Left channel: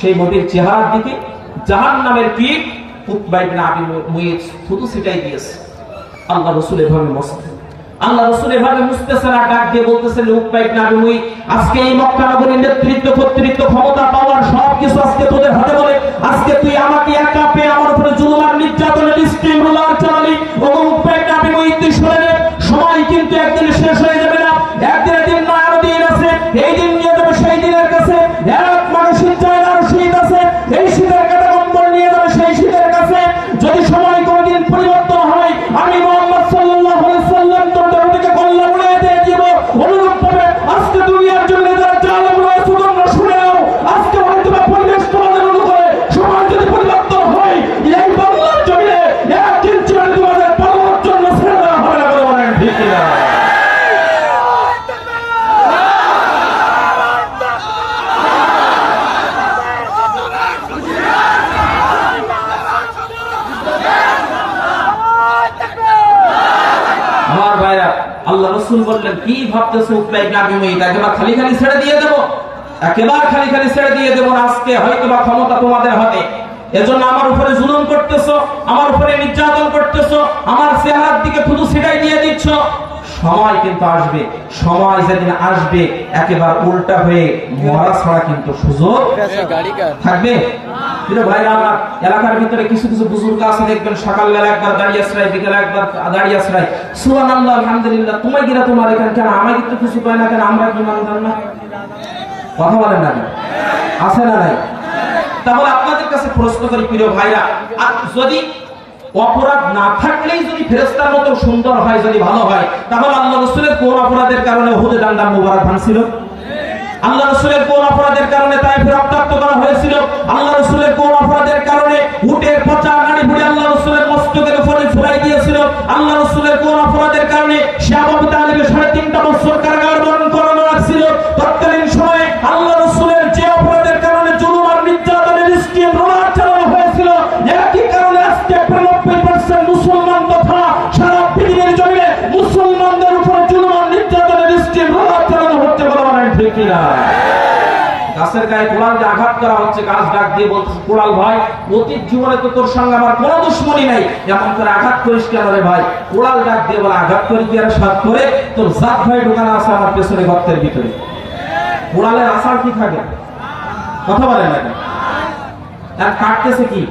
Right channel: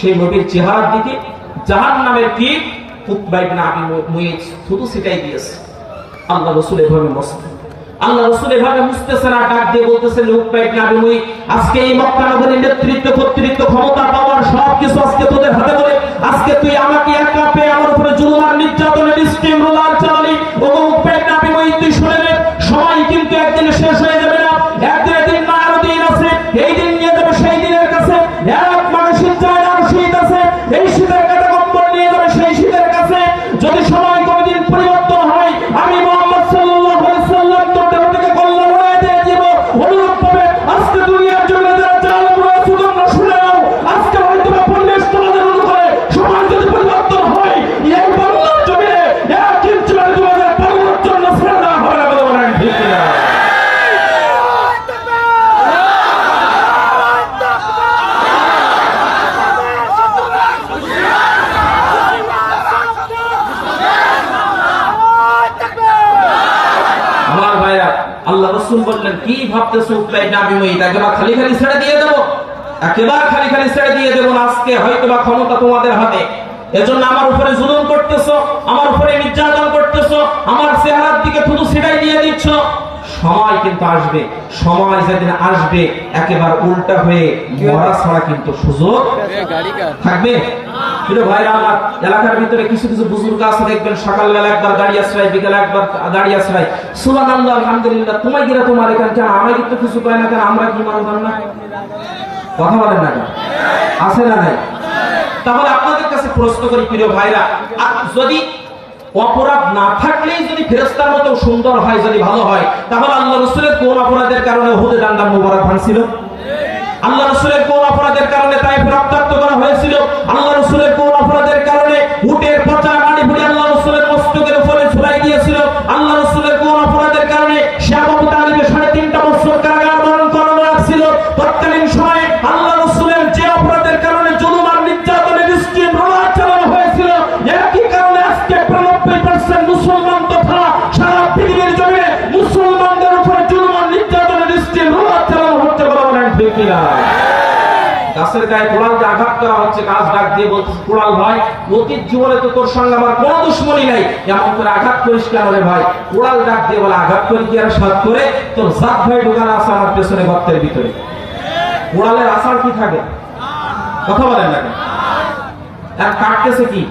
সেই নবীর চেহারার দিকে জাহান নামের দিয়েছে। আল্লাহ রসুল এভাবে আল্লাহ রসুল এভাবে ডাক দিয়ে না আমি আজকে এই মক্কা নগরীর নেতৃত্ব, কর্তৃত্ব, ক্ষমতা পাওয়ার সব কিছু আজকে তোদের হাতে বলে, আজকে তুই আমাকে একা পেয়ে আমার উপরে জুলুম আর নির্যাতনের স্টিম, রোলার চালালি কাছে যদি সময় কোনদিন পরিবর্তন হয় আমি মোহাম্মদ সাল্লাল্লাহু আলাইহি সাল্লাম তোর দেহটিকে কল্লা উড়িয়ে দিয়ে দিব অনুরূপ ভাবে আজকে দুনিয়ার জন্য যারা চাল রয়েছে তোমরা শুনে নাও আজকে হয়তো বা পরিবেশ তোমাদের অনুকূলে সময় যদি পরিবর্তন হয় এই বাংলার জমিনে এক ইঞ্চি মানে তোমাদের পাওয়ার জন্য ছেড়ে দেওয়া হবে না বলে মনে হয় ঠিক কিনা? আমার ভাইরা আল্লাহ রসুল বললেন কি ভাবতেছে উকলাই নাবি মই একেবারে খালি খালি ছেড়ে দিয়ে দেবো? একেবারে খালি খালি ছেড়ে দিয়ে দেবো আজকে? হয়তো বা ক্ষমতা তোমাদের হাতে। এজন্য আমার উপরে জুলুম করতেছো আমার উপরে নির্যাতন করতেছো আমার চেহারার দিকে শুধু ছিটাই দিয়ে দিচ্ছ। সময় কিন্তু আসবে সময় যেদিন আসবে একেবারে উল্টা হয়ে মরা ছাড়া কিন্তু সুযোগ থাকবে। কিন্তু আমার, এলাকার ভিতরে কিছু কিছু বুজুর্গ আছে, দেখবেন সকালবেলা একবার দাঁড়িয়ে একবার দাঁড়িয়ে সুবহানাল্লাহ, আলহামদুলিল্লাহ, তোমায় গিরা তোমার এখানে কেন? আমায় কিন্তু কিছু পায় না কেন? আমরা কি না? কথা বলেন না আছে না নাই? তাহলে আপনাদের কাছে প্রশ্ন করি, প্রিয় ভাইরা যদি অপরাধ না থাকলেই যদি ফেরেস্তার মতো সুন্দর হয়, যদি ভালো হয়, তাহলে আল্লাহ রসুলের কোন অপরাধের কারণে হুদে ডান্ডা মুবারক ভাঙছিল? আল্লাহ রসুলের কোন অপরাধের কারণে তাই রক্তাক্ত করা হয়েছিল? আল্লাহ রসুলের অপরাধের কারণে শ্যাম আবু সাড়ে তিনটা বছর কারাগার বরণ করানো রাখছিল তৎকালীন সময়ে আল্লাহ রসুলের যে অপরাধের কারণে জুলুম আর নির্যাতনের স্কিম রোলার চালানো হয়েছিল, একই কারণে আজকে নব্বই পার্সেন্ট মুসলমান তথা সারা পৃথিবীর জমিনে মুসলমানদের উপরে জুলুম আর নির্যাতনের স্কিম রোলার চালানো হচ্ছে বলে মনে হয়? গাছের গায়ে কোড়াল দিয়ে আঘাত করা হচ্ছে, গাছ ডাক দিয়ে বলতেছে, কোড়াল ভাই, অতীত জীবনে তো তোর সঙ্গে আমার কোনো দুশ্মনী নাই। এমন করে আঘাত করিস কেন রে ভাই? কোড়াল ডাক দিয়ে বলে, আঘাত করে কি আর সাত করে? তোর জাত ভাই ঢোকানো আছে আমার পেছনে গর্তের ভিতরে। কোড়ালের আসার কি থাকে? কথা বলেন না? আর কাটতেছে কি?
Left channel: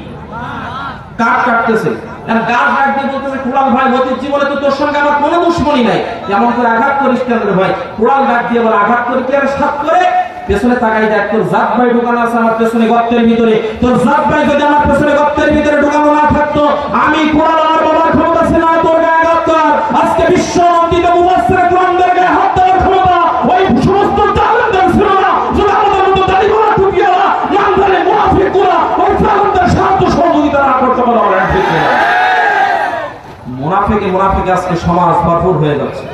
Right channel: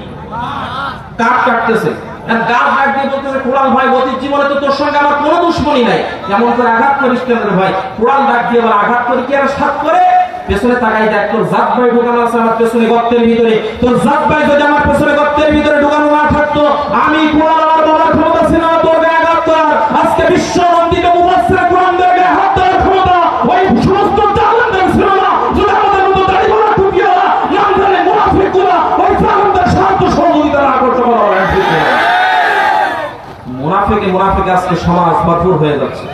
কাঠ কাটতেছে। আর গাছ ডাক দিয়ে বলতেছে, কোড়াল ভাই, অতীত জীবনে তো তোর সঙ্গে আমার কোনো দুশ্মনী নাই। এমন করে আঘাত করিস কেন ভাই? কোড়াল ডাক দিয়ে বলে, আঘাত করে কি আর সাত করে? পেছনে তাকাই দেখ, তোর জাত ভাই ঢোকানো আছে আমার পেছনে গর্তের ভিতরে। তোর জাত ভাই যদি আমার পেছনে গর্তের ভিতরে ঢোকানো না থাকতো, আমি কোরআন বাবার ক্ষমতা ছিল না, তোর গায়ে আজকে বিশ্ব গায়ে হাত দেওয়ার ক্ষমতা ওই সমস্ত ছিল না আমাদের মতো দাড়ি গোলা জানে মুনাফিকুরা ওই সাহায্য সহযোগিতা না করতে পারো মুনাফিকে মুনাফিকে আজকে সমাজ ভরপুর হয়ে যাচ্ছে।